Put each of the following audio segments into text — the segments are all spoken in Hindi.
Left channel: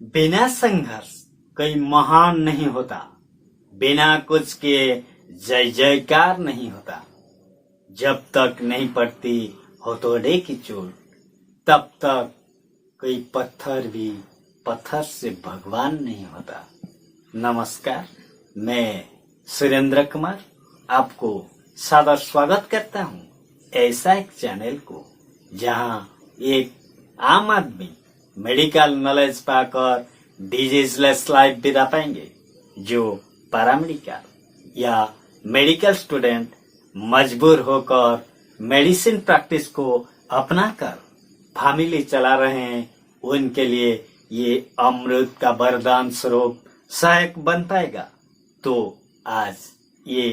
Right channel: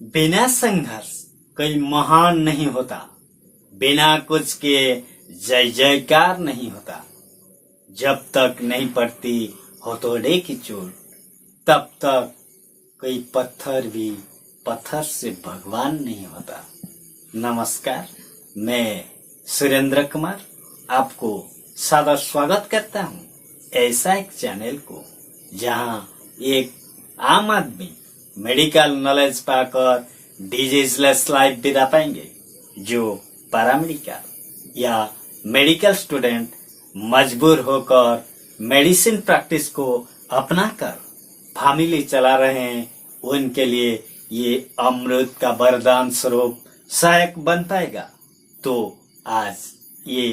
बिना संघर्ष कोई महान नहीं होता, बिना कुछ के जय जयकार नहीं होता। जब तक नहीं पड़ती हथौड़े की चोट, तब तक कोई पत्थर भी पत्थर से भगवान नहीं होता। नमस्कार, मैं सुरेंद्र कुमार आपको सादर स्वागत करता हूं ऐसा एक चैनल को जहां एक आम आदमी मेडिकल नॉलेज पाकर डिजीजलेस लाइफ बिता पाएंगे। जो पैरामेडिकल या मेडिकल स्टूडेंट मजबूर होकर मेडिसिन प्रैक्टिस को अपनाकर फैमिली चला रहे हैं, उनके लिए ये अमृत का वरदान स्वरूप सहायक बन पाएगा। तो आज ये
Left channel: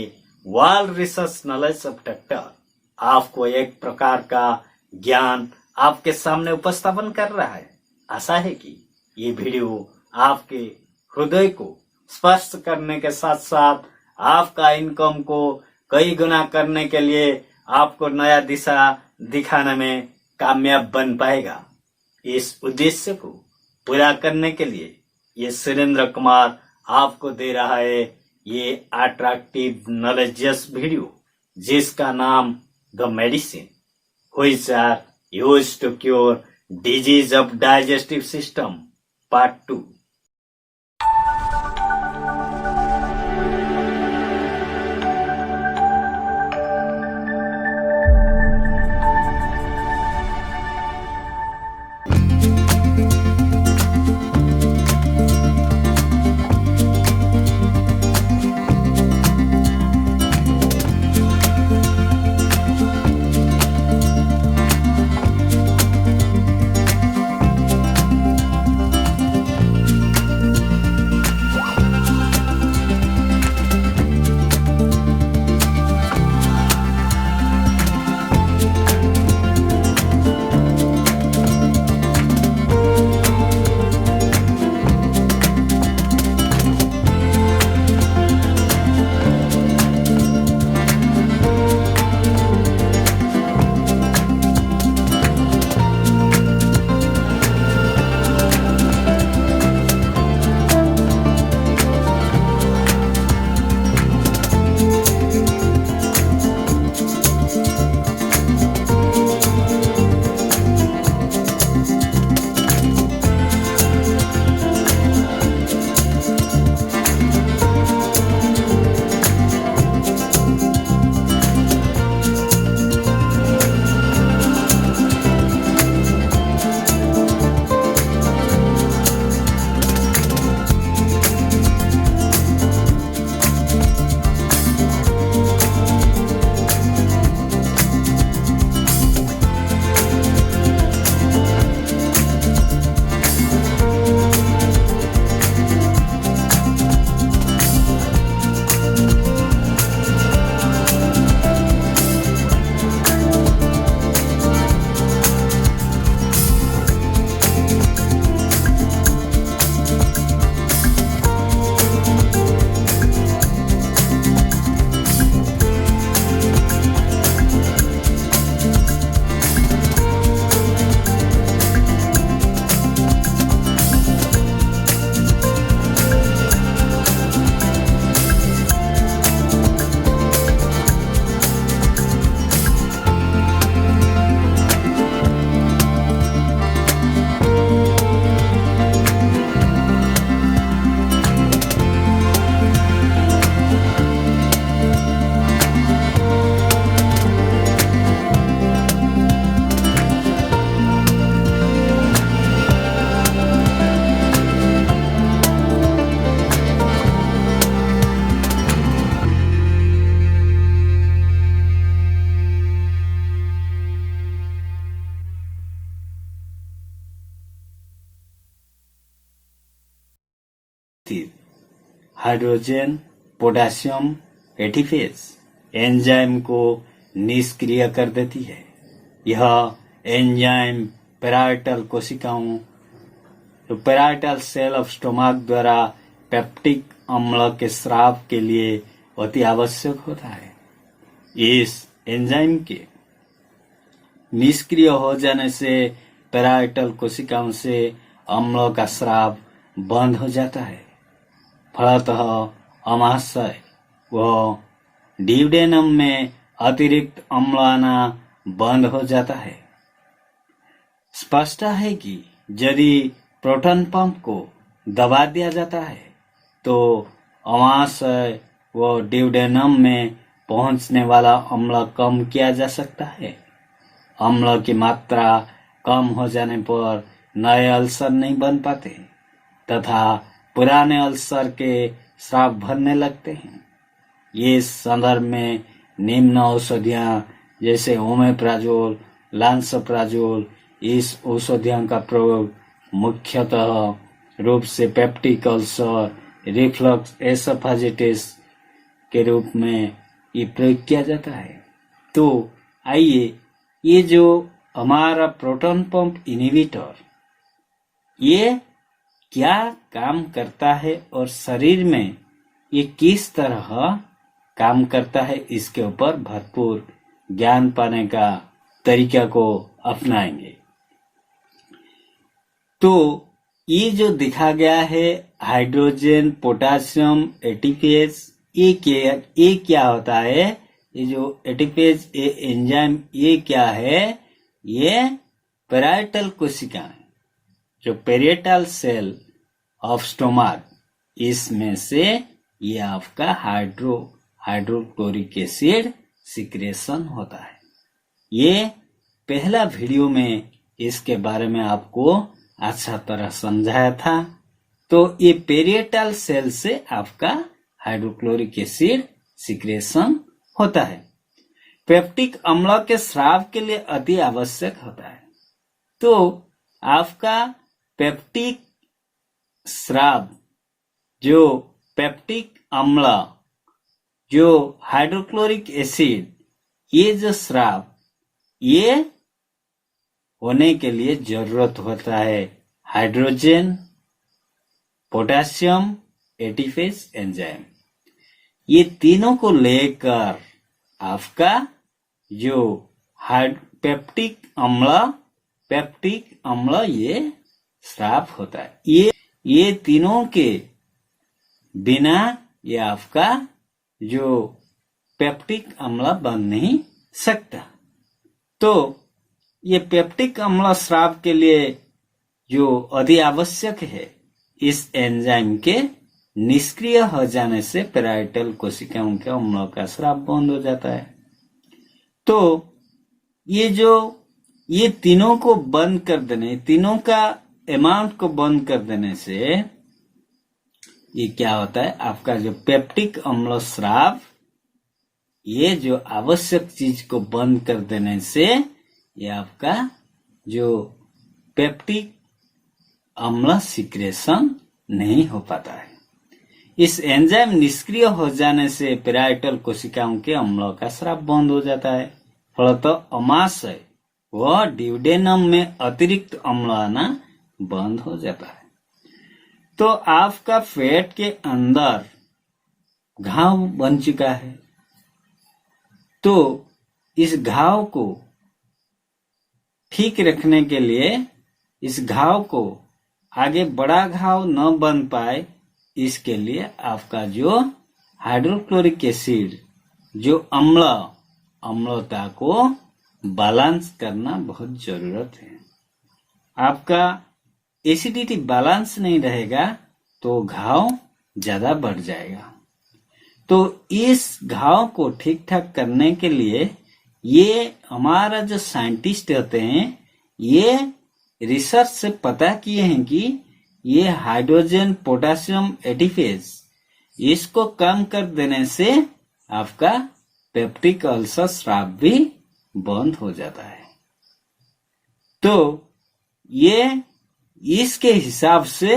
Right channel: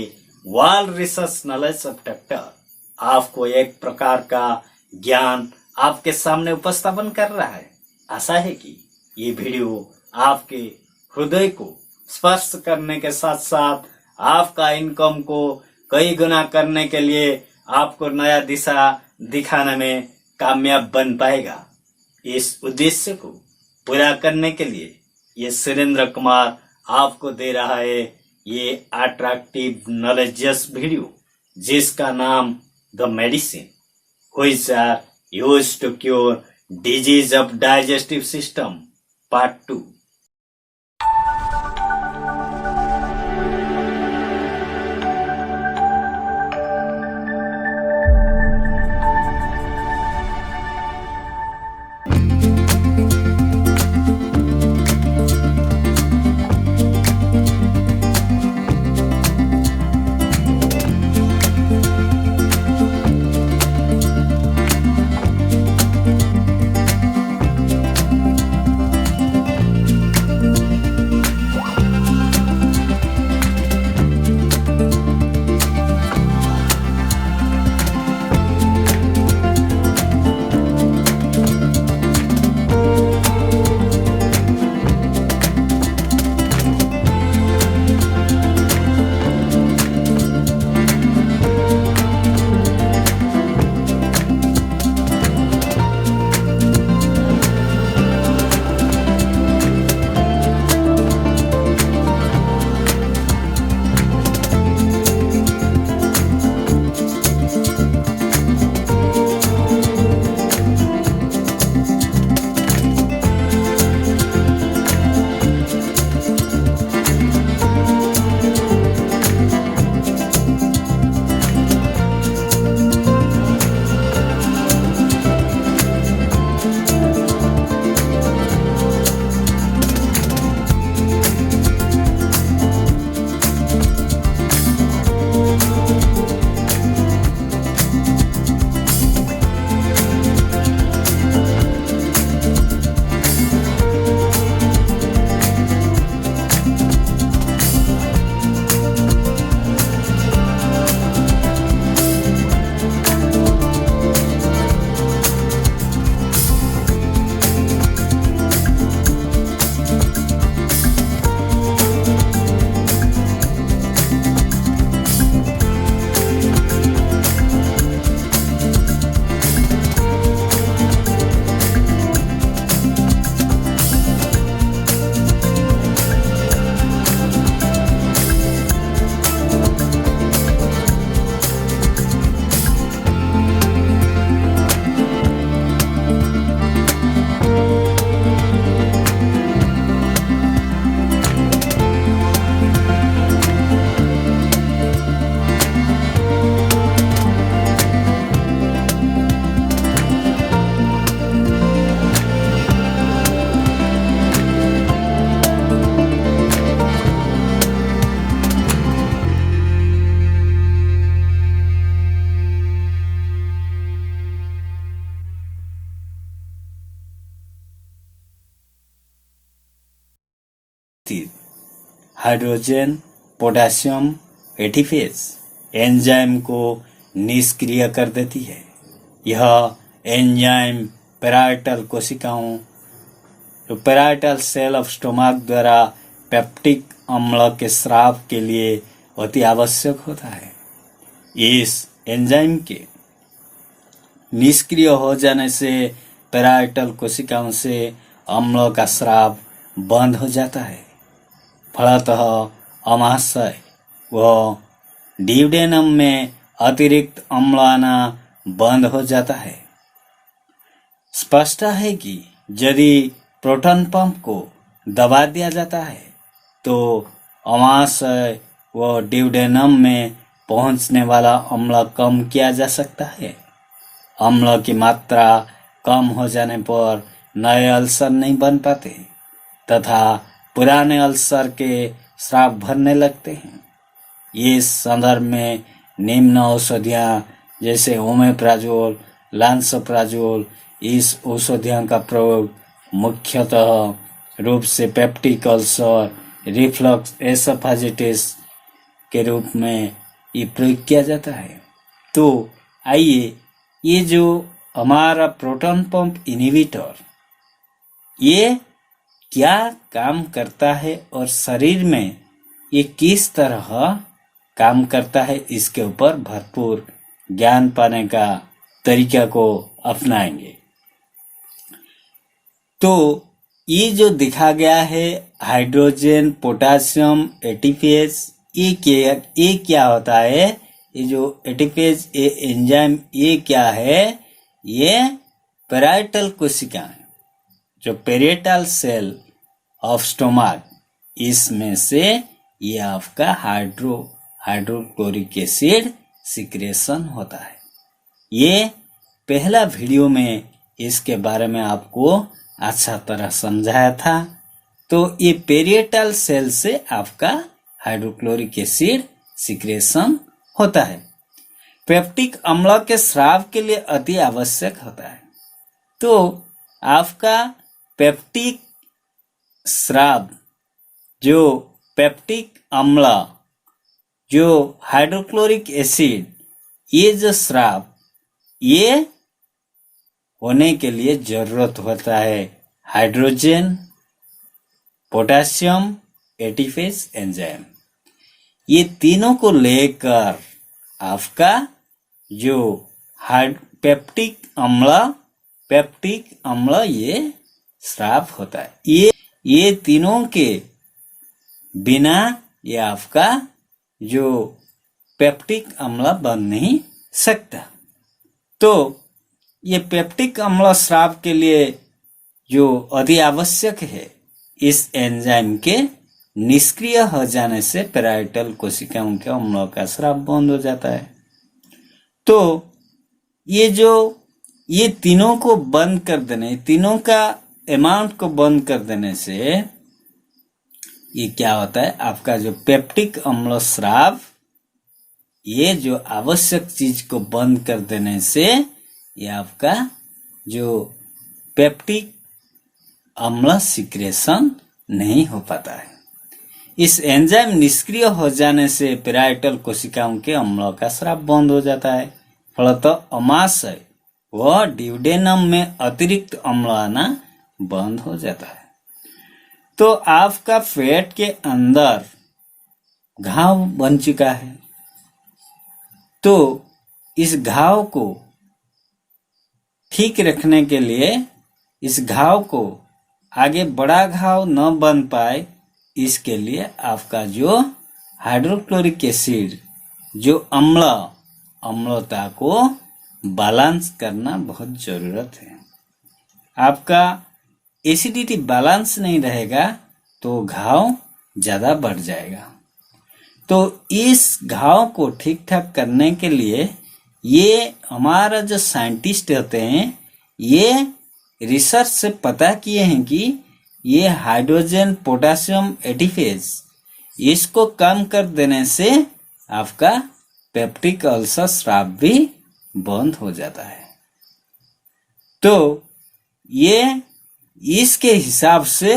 world research knowledge of doctor आपको एक प्रकार का ज्ञान आपके सामने उपस्थापन कर रहा है। आशा है कि ये वीडियो आपके हृदय को स्पर्श करने के साथ साथ आपका इनकम को कई गुना करने के लिए आपको नया दिशा दिखाने में कामयाब बन पाएगा। इस उद्देश्य को पूरा करने के लिए ये सुरेंद्र कुमार आपको दे रहा है ये अट्रैक्टिव नॉलेजियस वीडियो, जिसका नाम the medicine which are used to cure disease of digestive system part 2। Hydrogen potassium ATPase enzyme को निष्क्रिय कर देती है। यह एंजाइम पैराइटल कोशिकाओं पैराइटल सेल ऑफ स्टोमक द्वारा पेप्टिक अम्ल के स्राव के लिए अति आवश्यक होता है। इस एंजाइम के निष्क्रिय हो जाने से पैराइटल कोशिकाओं से अम्लों का स्राव बंद हो जाता है। फलतः अमाशय व ड्यूडेनम में अतिरिक्त अम्ल आना बंद हो जाता है। स्पष्ट है कि यदि प्रोटॉन पंप को दबा दिया जाता है तो अमाशय व ड्यूडेनम में पहुंचने वाला अम्ल कम किया जा सकता है। अम्ल की मात्रा कम हो जाने पर नए अल्सर नहीं बन पाते तथा पुराने अल्सर के स्राव भरने लगते हैं। ये संदर्भ में निम्न औषधियाँ जैसे ओमेप्राजोल, लांसोप्राजोल, इस औषधियों का प्रयोग मुख्यतः रूप से पेप्टिक अल्सर, रिफ्लक्स एसोफेजिटिस के रूप में ये प्रयोग किया जाता है। तो आइए ये जो हमारा प्रोटॉन पंप इनहिबिटर ये क्या काम करता है और शरीर में ये किस तरह काम करता है, इसके ऊपर भरपूर ज्ञान पाने का तरीका को अपनाएंगे। तो ये जो दिखा गया है हाइड्रोजन पोटासियम एटीपेज, ये क्या होता है? ये जो एटीपेज ये एंजाइम ये क्या है? ये पैराइटल कोशिका जो पेरिएटल सेल ऑफ स्टोमक, इसमें से ये आपका हाइड्रोक्लोरिक एसिड सिक्रेशन होता है। ये पहला वीडियो में इसके बारे में आपको अच्छा तरह समझाया था। तो ये पेरिएटल सेल से आपका हाइड्रोक्लोरिक एसिड सिक्रेशन होता है। पेप्टिक अम्ल के स्राव के लिए अति आवश्यक होता है। तो आपका पेप्टिक स्राव, जो पेप्टिक अम्ल, जो हाइड्रोक्लोरिक एसिड, ये जो स्राव ये होने के लिए जरूरत होता है हाइड्रोजन पोटासियम एटीपेज एंजाइम। ये तीनों को लेकर आपका जो पेप्टिक अम्ल ये स्राव होता है। ये तीनों के बिना ये आपका जो पेप्टिक अम्ल बन नहीं सकता। तो ये पेप्टिक अम्ल स्राव के लिए जो अति आवश्यक है, इस एंजाइम के निष्क्रिय हो जाने से पैराइटल कोशिकाओं के अम्लों का स्राव बंद हो जाता है। तो ये तीनों को बंद कर देने, तीनों का अमाउंट को बंद कर देने से ये क्या होता है? आपका जो पेप्टिक अम्ल स्राव, ये जो आवश्यक चीज को बंद कर देने से ये आपका जो पेप्टिक अम्ल सिक्रेशन नहीं हो पाता है। इस एंजाइम निष्क्रिय हो जाने से पैराइटल कोशिकाओं के अम्लों का स्राव बंद हो जाता है। फलतः अमाशय व ड्यूडेनम में अतिरिक्त अम्ल आना बंद हो जाता है। तो आपका पेट के अंदर घाव बन चुका है। तो इस घाव को ठीक रखने के लिए, इस घाव को आगे बड़ा घाव न बन पाए, इसके लिए आपका जो हाइड्रोक्लोरिक एसिड, जो अम्लता को बैलेंस करना बहुत जरूरत है। आपका एसिडिटी बैलेंस नहीं रहेगा तो घाव ज्यादा बढ़ जाएगा। तो इस घाव को ठीक ठाक करने के लिए ये हमारा जो साइंटिस्ट होते हैं, ये रिसर्च से पता किए हैं कि ये हाइड्रोजन पोटासियम एटीपेज, इसको कम कर देने से आपका पेप्टिक अल्सर स्राव भी बंद हो जाता है। तो ये इसके हिसाब से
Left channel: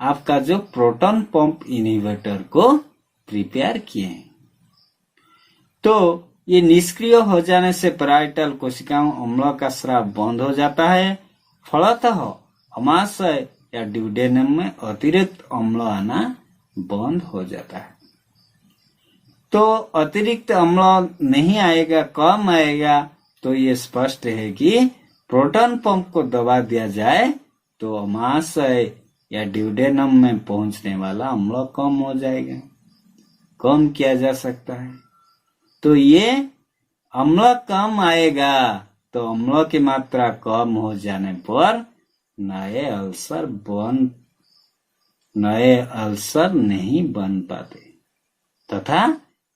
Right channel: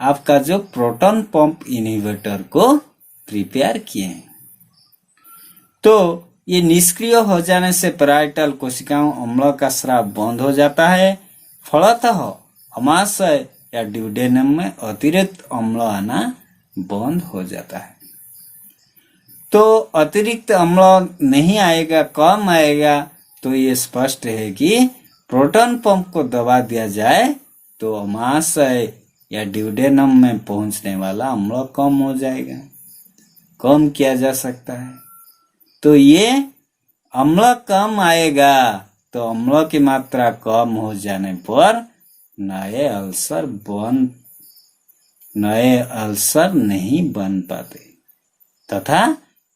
आपका जो प्रोटॉन पंप इनहिबिटर को प्रिपेयर किए हैं। तो ये निष्क्रिय हो जाने से पैराइटल कोशिकाओं अम्लों का स्राव बंद हो जाता है। फलतः अमाशय या ड्यूडेनम में अतिरिक्त अम्ल आना बंद हो जाता है। तो अतिरिक्त अम्ल नहीं आएगा, कम आएगा, तो ये स्पष्ट है कि प्रोटॉन पंप को दबा दिया जाए तो अमाशय या ड्यूडेनम में पहुंचने वाला अम्ल कम हो जाएगा, कम किया जा सकता है। तो ये अम्ल कम आएगा, तो अम्ल की मात्रा कम हो जाने पर नए अल्सर नहीं बन पाते, तथा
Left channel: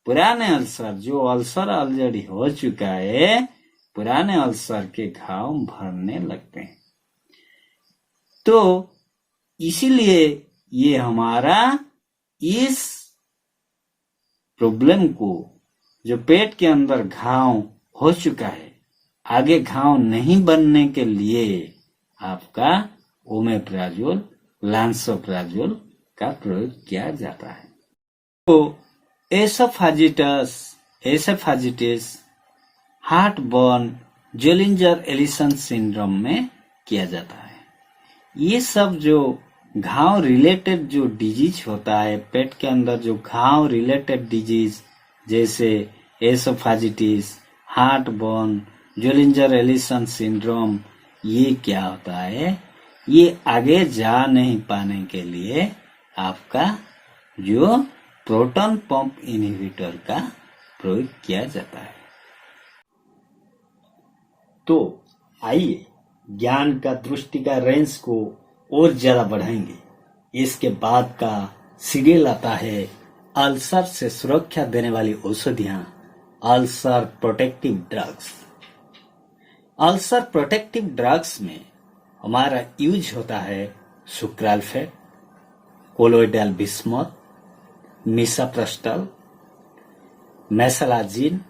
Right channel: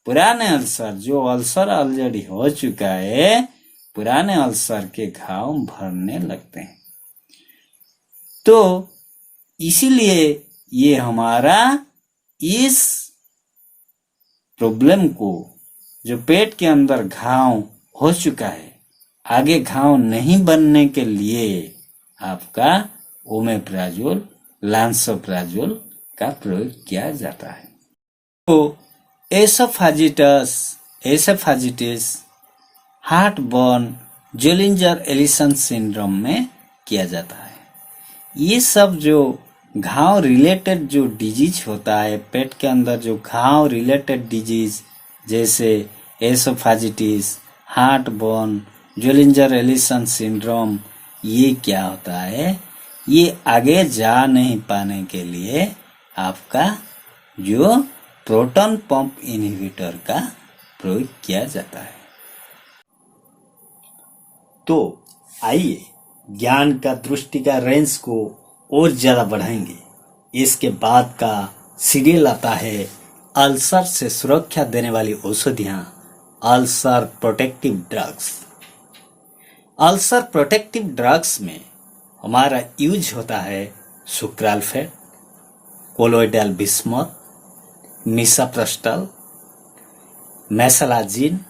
पुराने अल्सर, जो अल्सर ऑलरेडी हो चुका है, पुराने अल्सर के घाव भरने लगते हैं। तो इसीलिए ये हमारा इस प्रॉब्लम को, जो पेट के अंदर घाव हो चुका है, आगे घाव नहीं बनने के लिए आपका ओमेप्राजोल, लांसोप्राजोल का प्रयोग किया जाता है। तो एसोफेजिटिस, हार्टबर्न, जोलिंजर एलिसन सिंड्रोम में किया जाता है। ये सब जो घाव रिलेटेड जो डिजीज होता है, पेट के अंदर जो घाव रिलेटेड डिजीज जैसे एसोफेजिटिस, हार्टबर्न, जोलिंजर एलिसन सिंड्रोम, ये क्या होता है, ये आगे जा नहीं पाने के लिए आपका जो प्रोटॉन पंप इनहिबिटर का प्रयोग किया जाता है। तो आइए ज्ञान का दृष्टि का रेंज को और ज्यादा बढ़ाएंगे। इसके बाद का सीरियल आता है अल्सर से सुरक्षा देने वाली औषधियां, ulcer protective drugs. Ulcer protective drugs में हमारा यूज होता है sucralfate, colloidal bismuth, misoprostol, mesalazine.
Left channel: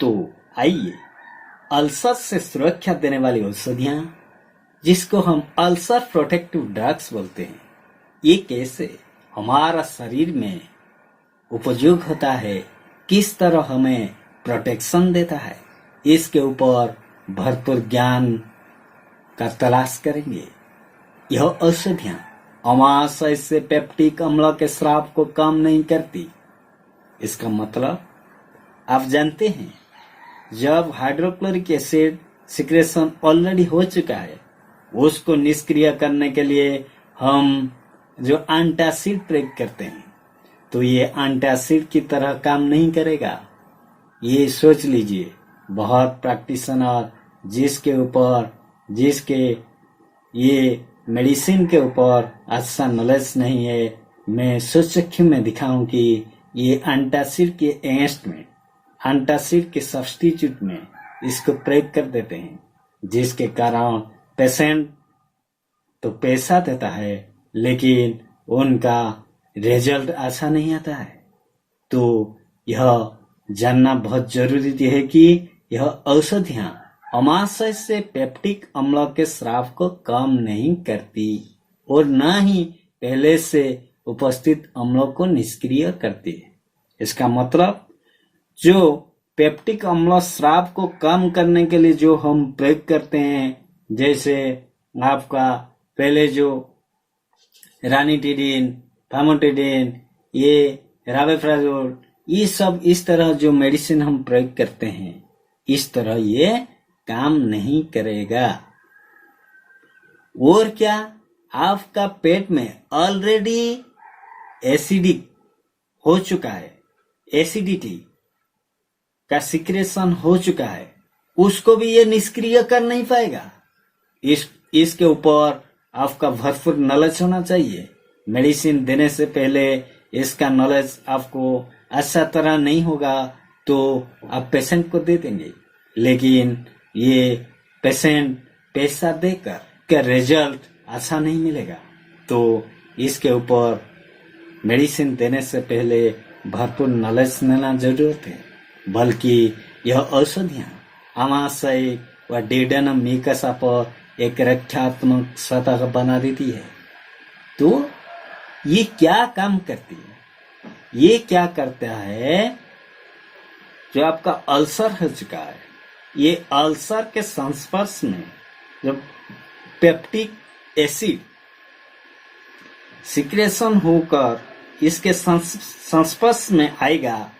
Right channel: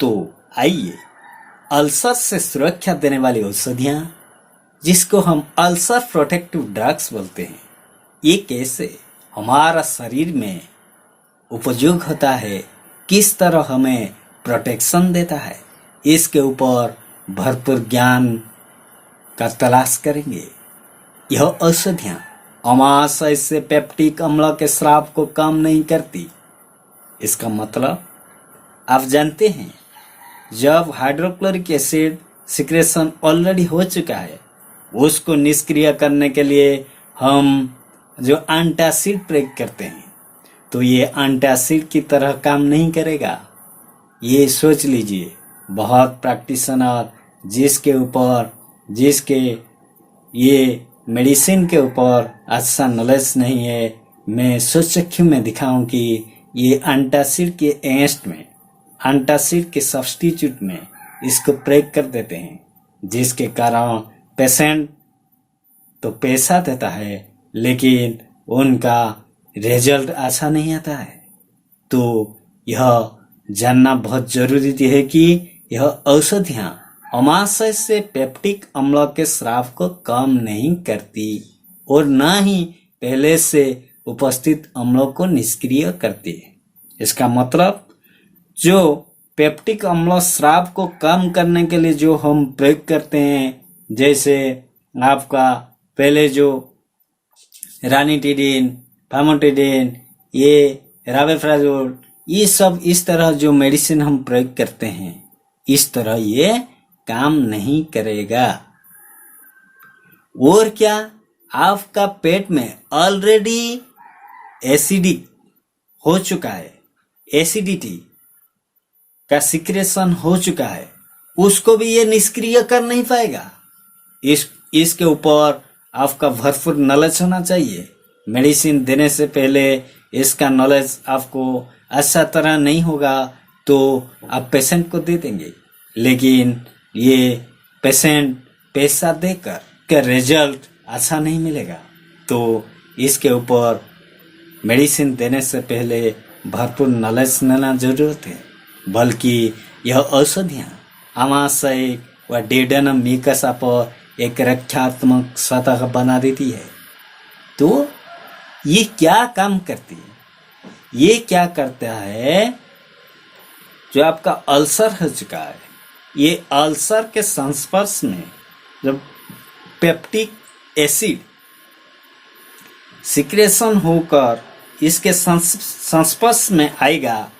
तो आइए अल्सर से सुरक्षा देने वाली औषधियां, जिसको हम अल्सर प्रोटेक्टिव ड्रग्स बोलते हैं, ये कैसे हमारा शरीर में उपयोग होता है, किस तरह हमें प्रोटेक्शन देता है, इसके ऊपर भरपूर ज्ञान का तलाश करेंगे। यह औषधियां अमाशय से पेप्टिक अम्ल के स्राव को कम नहीं करती। इसका मतलब आप जानते हैं, जब हाइड्रोक्लोरिक एसिड सिक्रेशन ऑलरेडी हो चुका है, उसको निष्क्रिय करने के लिए हम जो एंटासिड प्रयोग करते हैं, तो ये एंटासिड की तरह काम नहीं करेगा। ये सोच लीजिए, बहुत प्रैक्टिशनर जिसके ये मेडिसिन के ऊपर अच्छा नॉलेज नहीं है, मैं सोच में दिखाऊं कि ये एंटासिड के अगेंस्ट में, एंटासिड के सब्स्टिट्यूट में इसको प्रयोग कर देते हैं, जिसके कारण पेशेंट तो पैसा देता है, लेकिन उनका रिजल्ट अच्छा नहीं आता है। तो यह जानना बहुत जरूरी है कि यह औषधियां अमाशय से पेप्टिक अम्ल के स्राव को कम नहीं करती और न ही पहले से उपस्थित अम्लों को निष्क्रिय करती है। इसका मतलब जो पेप्टिक अम्ल स्राव को कम करने के लिए जो हम प्रयोग करते हैं, जैसे आपका पहले जो रानिटिडिन, फामोटिडिन, ये राबेफ्राजोल, ये सब इस तरह जो मेडिसिन हम प्रयोग करते हैं, इस तरह ये काम नहीं करेगा। और क्या, आपका पेट में ऑलरेडी एसिडिक हो चुका है, एसिडिटी का सिक्रेशन हो चुका है, उसको भी ये निष्क्रिय कर नहीं पाएगा। इसके ऊपर आपका भरपूर नॉलेज होना चाहिए। मेडिसिन देने से पहले इसका नॉलेज आपको अच्छा तरह नहीं होगा तो आप पेशेंट को दे देंगे, लेकिन ये पेशेंट पैसा देकर का रिजल्ट अच्छा नहीं मिलेगा। तो इसके ऊपर मेडिसिन देने से पहले भरपूर नॉलेज लेना जरूरत है। बल्कि यह औषधियाँ आमाशय व ड्यूडेनम म्यूकसा पर एक रक्षात्मक सतह बना देती है। तो ये क्या काम करती है? ये क्या करता है, जो आपका अल्सर हो चुका है, ये अल्सर के संस्पर्श में जब पेप्टिक एसिड सिक्रेशन होकर इसके संस्पर्श में आएगा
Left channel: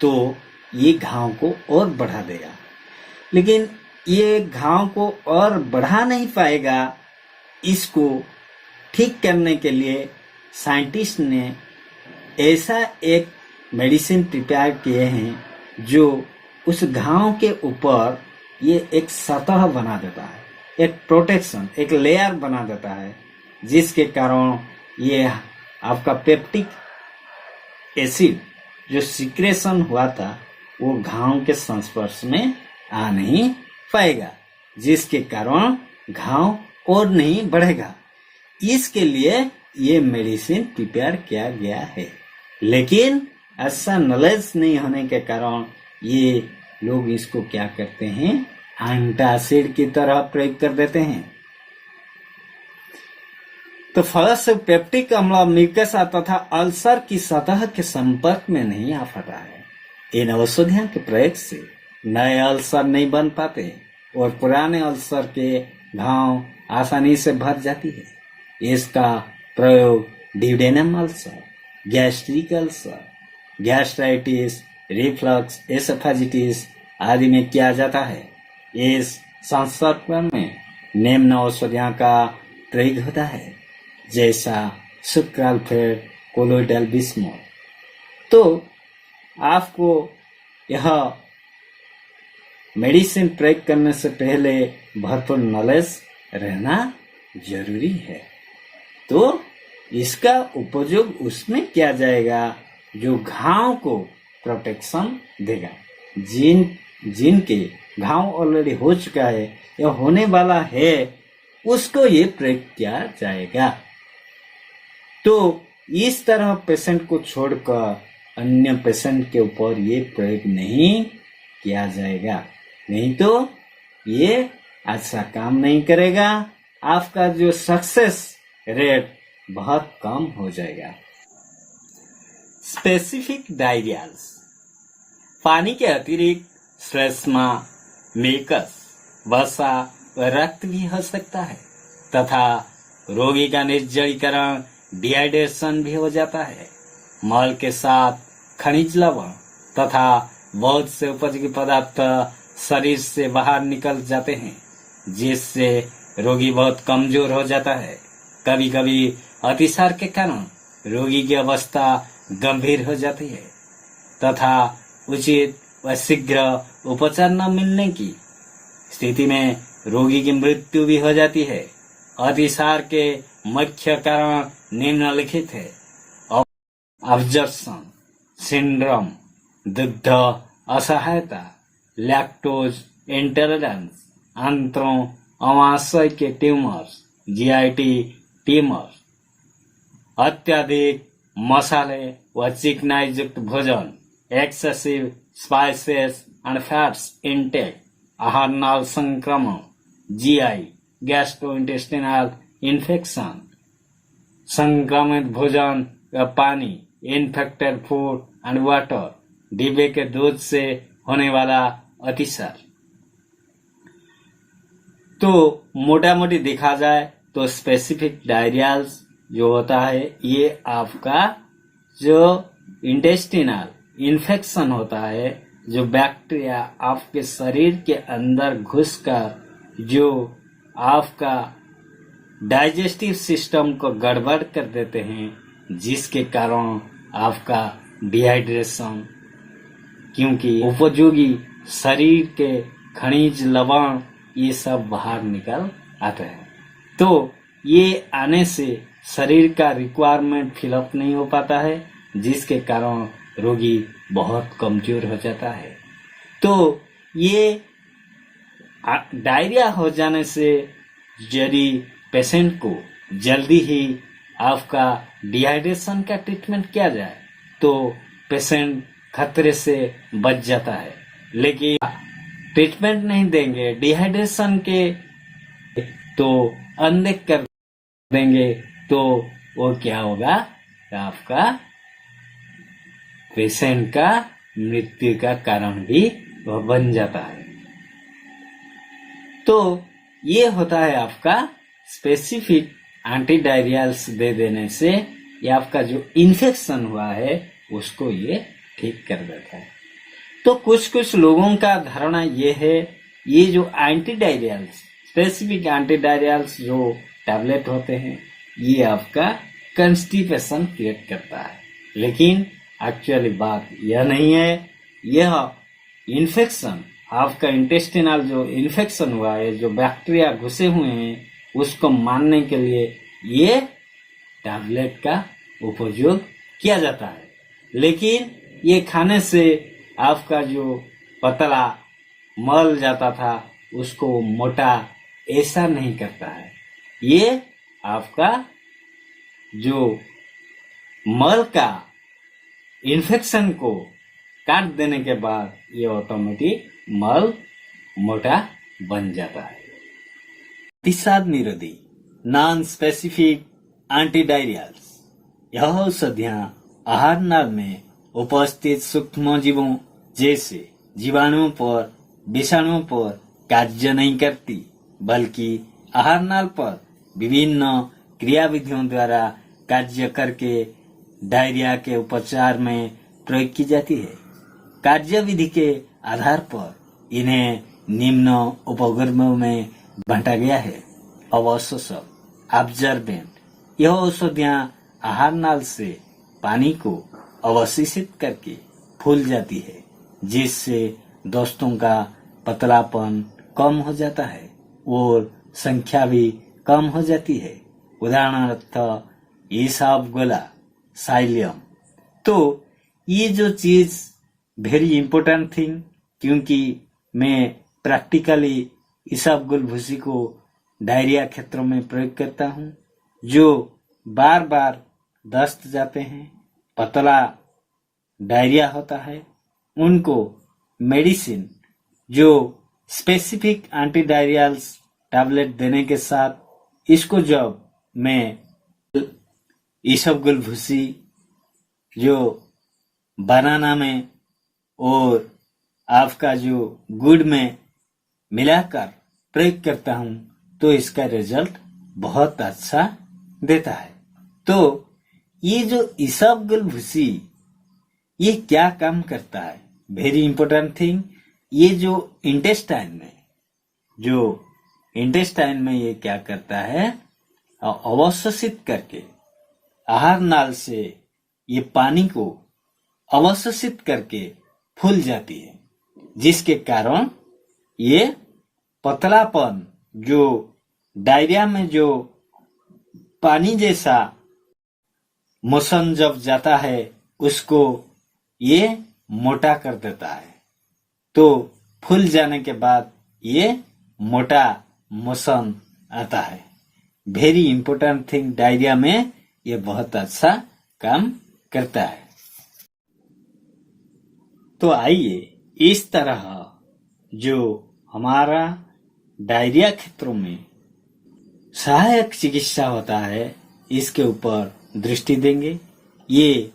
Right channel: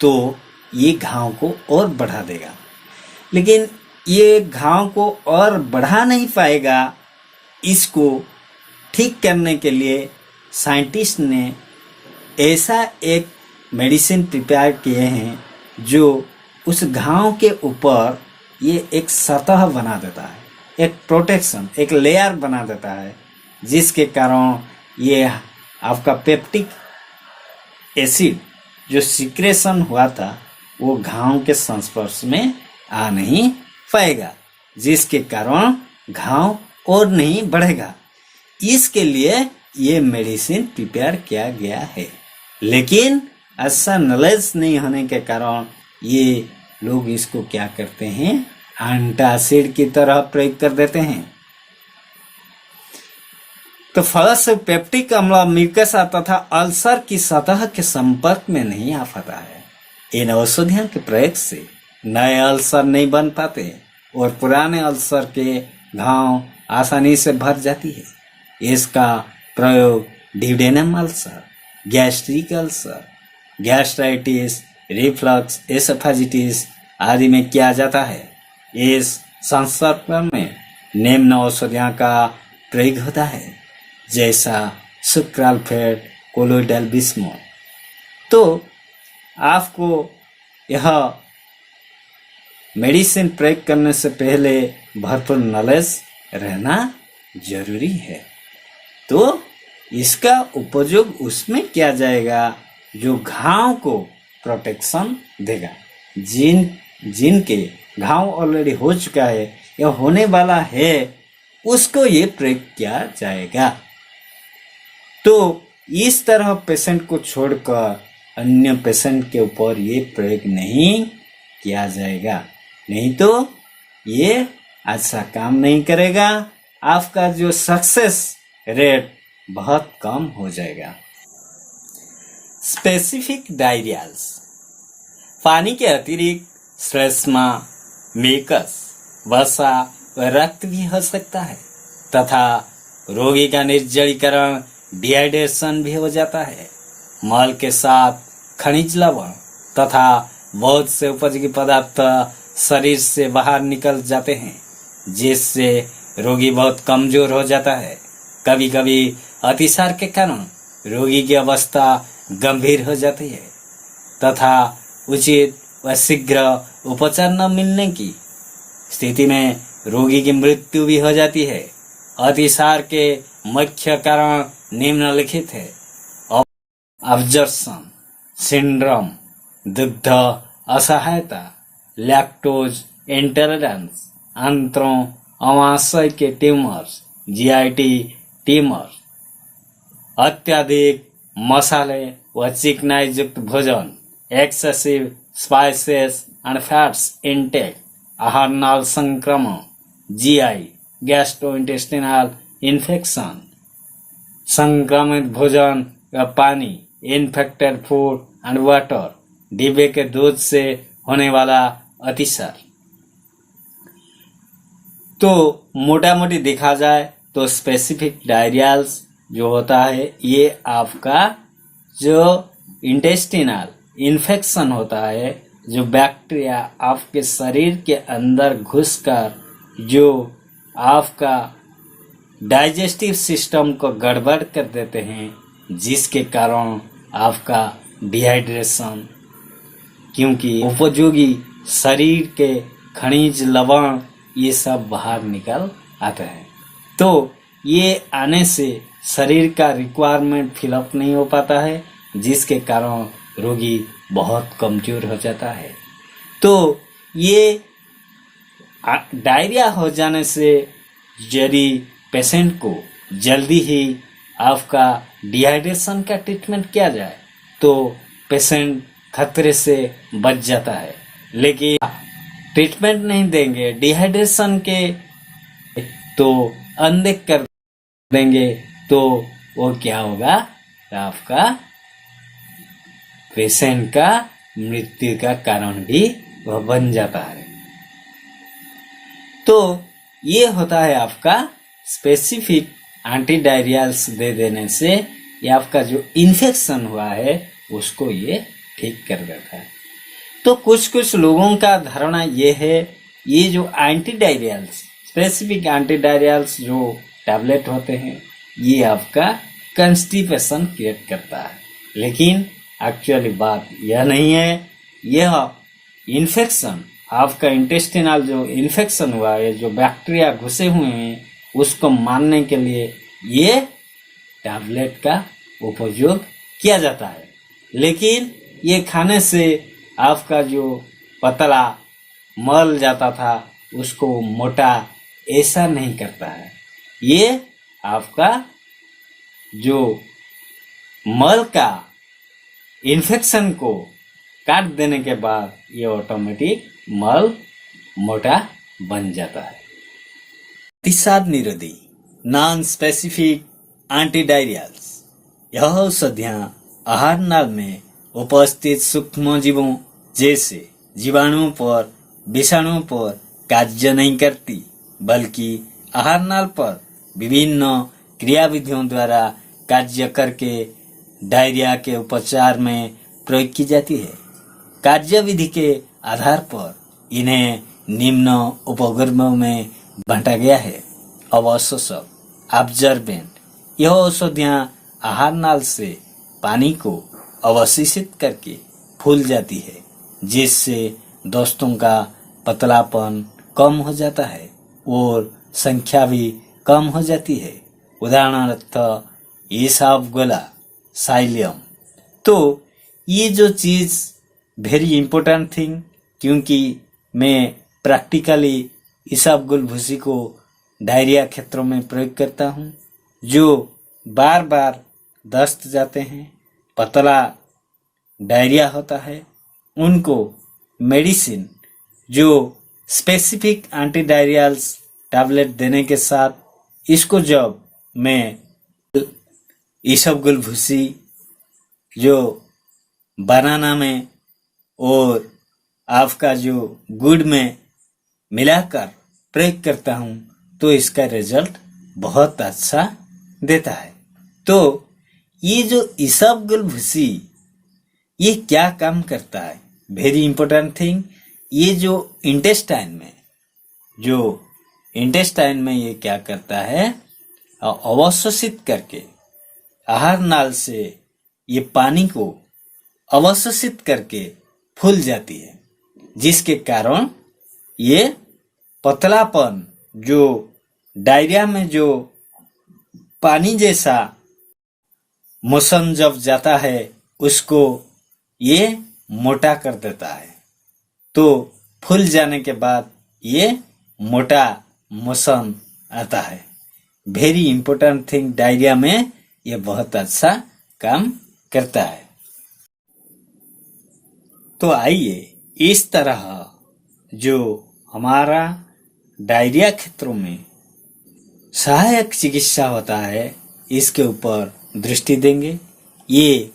तो ये घाव को और बढ़ा देगा। लेकिन ये घाव को और बढ़ा नहीं पाएगा। इसको ठीक करने के लिए साइंटिस्ट ने ऐसा एक मेडिसिन प्रिपेयर किए हैं जो उस घाव के ऊपर ये एक सतह बना देता है, एक प्रोटेक्शन, एक लेयर बना देता है, जिसके कारण ये आपका पेप्टिक एसिड जो सिक्रेशन हुआ था वो घाव के संस्पर्श में आ नहीं पाएगा, जिसके कारण घाव और नहीं बढ़ेगा। इसके लिए ये मेडिसिन प्रिपेयर किया गया है, लेकिन ऐसा नॉलेज नहीं होने के कारण ये लोग इसको क्या करते हैं, एंटासिड की तरह प्रयोग कर देते हैं। तो फल से पेप्टिक अम्ल म्यूकस तथा अल्सर की सतह के संपर्क में नहीं आ पाता है। इन औषधियों के प्रयोग से नए अल्सर नहीं बन पाते और पुराने अल्सर के घाव आसानी से भर जाती है। इसका प्रयोग duodenum ulcer, gastric ulcer, gastritis, reflux, oesophagitis आदि में किया जाता है। इस संस्करण में निम्न औषधियों का प्रयोग होता है, जैसा सुक्राल्फेट, कोलोइडल बिस्मुथ। तो आपको यह मेडिसिन प्रयोग करने से पहले भरपूर नॉलेज रहना जरूरी है। तो इसका उपयोग उसमें किया जाएगा जो घाव को प्रोटेक्शन देगा। जिनके घाव ऑलरेडी हो चुका है या होने वाला है, उसको ये प्रयोग किया जाएगा। तो इस तरह पेशेंट को छोड़कर अन्य पेशेंट के ऊपर ये प्रयोग नहीं किया जाएगा, नहीं तो ये अच्छा काम नहीं करेगा। आपका जो सक्सेस रेट बहुत कम हो जाएगा। स्पेसिफिक डायरियाज, पानी के अतिरिक्त श्लेष्मा, मेकस, वसा व रक्त भी हो सकता है तथा रोगी का निर्जलीकरण, डिहाइड्रेशन भी हो जाता है। मल के साथ खनिज लवण तथा बहुत से उपयोगी पदार्थ शरीर से बाहर निकल जाते हैं, जिससे रोगी बहुत कमजोर हो जाता है। कभी कभी अतिसार के कारण रोगी की अवस्था गंभीर हो जाती है तथा उचित व शीघ्र उपचार न मिलने की स्थिति में रोगी की मृत्यु भी हो जाती है। अतिसार के मुख्य कारण निम्नलिखित है: अब्जर्प्शन सिंड्रोम, दुग्ध असहायता, लैक्टोज इंटॉलरेंस, आंत्रों अमाशय के ट्यूमर्स, जीआईटी ट्यूमर्स, अत्यधिक मसाले व चिकनाई युक्त भोजन, excessive spices and fats intake, आहार नाल संक्रमण, जीआई गैस्ट्रोइंटेस्टिनल इन्फेक्शन, संक्रमित भोजन व पानी, इन्फेक्टेड फूड एंड वाटर, डिब्बे के दूध से होने वाला अतिसार। तो मोटा मोटी देखा जाए तो स्पेसिफिक डायरियाज जो होता है ये आपका जो इंटेस्टिनल इन्फेक्शन होता है, जो बैक्टीरिया आपके शरीर के अंदर घुसकर जो आपका डाइजेस्टिव सिस्टम को गड़बड़ कर देते हैं, जिसके कारण आपका डिहाइड्रेशन, क्योंकि उपयोगी शरीर के खनिज लवण ये सब बाहर निकल आते हैं। तो ये आने से शरीर का रिक्वायरमेंट फिलअप नहीं हो पाता है, जिसके कारण रोगी बहुत कमजोर हो जाता है। तो ये डायरिया हो जाने से यदि पेशेंट को जल्दी ही आपका डिहाइड्रेशन का ट्रीटमेंट किया जाए तो पेशेंट खतरे से बच जाता है। लेकिन ट्रीटमेंट नहीं देंगे डिहाइड्रेशन के तो अनदेख कर देंगे तो वो क्या होगा, आपका पेशेंट का मृत्यु का कारण भी वह बन जाता है। तो ये होता है आपका स्पेसिफिक एंटी डायरियल्स दे देने से ये आपका जो इन्फेक्शन हुआ है उसको ये ठीक कर देता है। तो कुछ कुछ लोगों का धारणा ये है ये जो एंटी डायरियल्स, स्पेसिफिक एंटी डायरियल्स जो टैबलेट होते हैं, ये आपका कंस्टिपेशन क्रिएट करता है। लेकिन एक्चुअली बात यह नहीं है। यह इन्फेक्शन, आपका इंटेस्टिनल जो इन्फेक्शन हुआ है, जो बैक्टीरिया घुसे हुए हैं, उसको मारने के लिए ये टैबलेट का उपयोग किया जाता है। लेकिन ये खाने से आपका जो पतला मल जाता था उसको मोटा ऐसा नहीं करता है। ये आपका जो मल का इन्फेक्शन को काट देने के बाद ये ऑटोमेटिक मल मोटा बन जाता है। अतिसाद निरोधी नॉन स्पेसिफिक एंटीडायरियल्स, यह औषधियाँ आहार नाल में उपस्थित सूक्ष्मजीवों जैसे जीवाणुओं पर, विषाणुओं पर कार्य नहीं करती, बल्कि आहार नाल पर विभिन्न क्रियाविधियों द्वारा कार्य करके डायरिया के उपचार में प्रयोग की जाती है। कार्यविधि के आधार पर इन्हें निम्न उपवर्गों में बांटा गया है। अवशोषक, ऑब्जर्बेंट, यह औषधियाँ आहार नाल से पानी को अवशोषित करके फूल जाती है, जिससे दोस्तों का पतलापन कम हो जाता है और संख्या भी कम हो जाती है। उदाहरणार्थ इसबगोला, साइलियम। तो ये जो चीज वेरी इंपॉर्टेंट थिंग, क्योंकि मैं प्रैक्टिकली इसबगोल भूसी को डायरिया क्षेत्रों में प्रयोग करता हूँ। जो बार बार दस्त जाते हैं, पतला डायरिया होता है, उनको मेडिसिन जो स्पेसिफिक एंटी डायरियल्स टैबलेट देने के साथ इसको जब मैं इसबगोल भूसी जो बनाना में और आपका जो गुड़ में मिलाकर प्रयोग करता हूँ तो इसका रिजल्ट बहुत अच्छा देता है। तो ये जो इसबगोल भूसी ये क्या काम करता है, वेरी इंपॉर्टेंट थिंग। ये जो इंटेस्टाइन में ये क्या करता है, अवशोषित करके आहार नाल से ये पानी को अवशोषित करके फूल जाती है, जिसके कारण ये पतलापन जो डायरिया में जो पानी जैसा मोशन जब जाता है उसको ये मोटा कर देता है। तो फूल जाने के बाद ये मोटा मोशन आता है। वेरी इंपॉर्टेंट थिंग, डायरिया में ये बहुत अच्छा काम करता है। तो आइए इस तरह जो हमारा डायरिया क्षेत्रों में सहायक चिकित्सा होता है इसके ऊपर दृष्टि देंगे। ये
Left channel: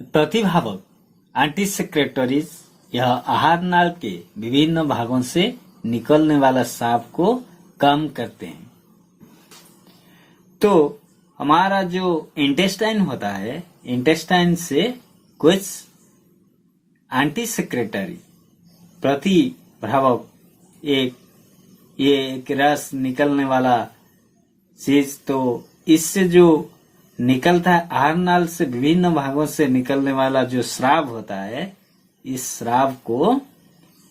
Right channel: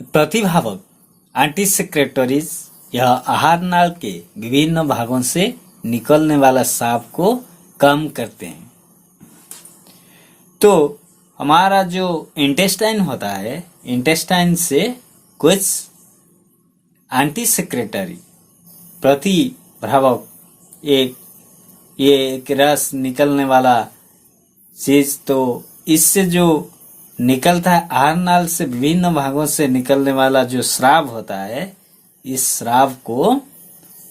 प्रतिभावक एंटीसेक्रेटरीज यह आहार नाल के विभिन्न भागों से निकलने वाला स्राव को कम करते हैं। तो हमारा जो इंटेस्टाइन होता है, इंटेस्टाइन से कुछ एंटीसेक्रेटरी प्रतिभावक एक रस निकलने वाला चीज, तो इससे जो निकलता है आहार नाल से विभिन्न भागों से निकलने वाला जो स्राव होता है, इस स्राव को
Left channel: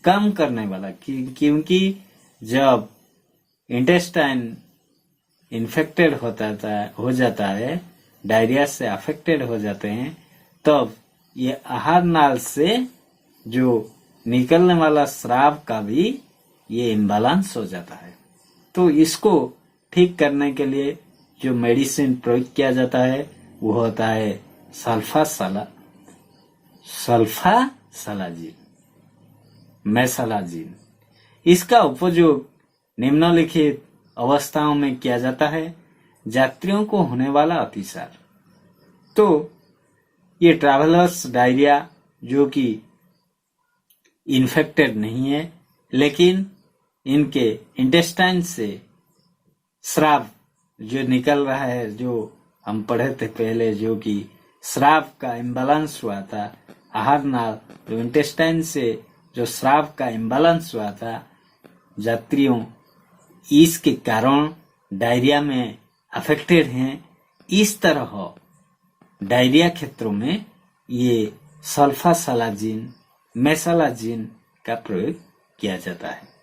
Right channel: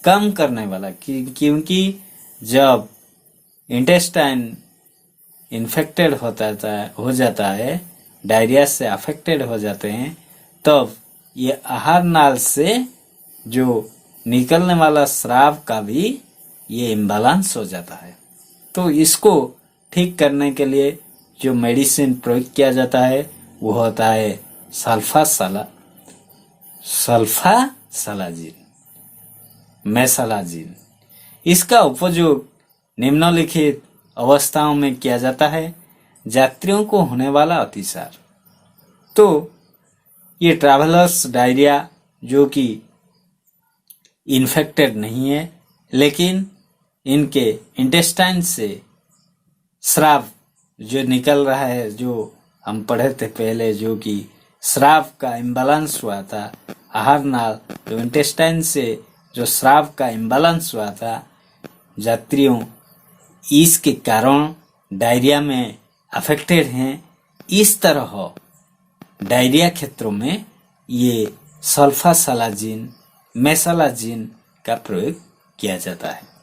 कम करने वाला, क्योंकि जब इंटेस्टाइन इन्फेक्टेड हो जाता है, डायरिया से अफेक्टेड हो जाते हैं, तब ये आहार नाल से जो निकलने वाला स्राव का भी ये इम्बैलेंस हो जाता है। तो इसको ठीक करने के लिए जो मेडिसिन प्रयोग किया जाता है वो होता है सल्फासालाजिन, मेसालाजिन। इसका उपयोग निम्नलिखित अवस्थाओं में किया जाता है। यात्रियों को होने वाला अतिसार, तो ये ट्रैवलर्स डायरिया जो कि इन्फेक्टेड नहीं है, लेकिन इनके इंटेस्टाइन से स्राव जो निकल रहा है, जो हम पढ़े थे पहले, जो कि स्राव का इम्बैलेंस हुआ था आहार नाल जो इंटेस्टाइन से जो स्राव का इम्बैलेंस हुआ था, यात्रियों इसके कारण डायरिया में अफेक्टेड हैं। इस तरह डायरिया क्षेत्रों में ये सल्फासालाजिन, मेसालाजिन का प्रयोग किया जाता है।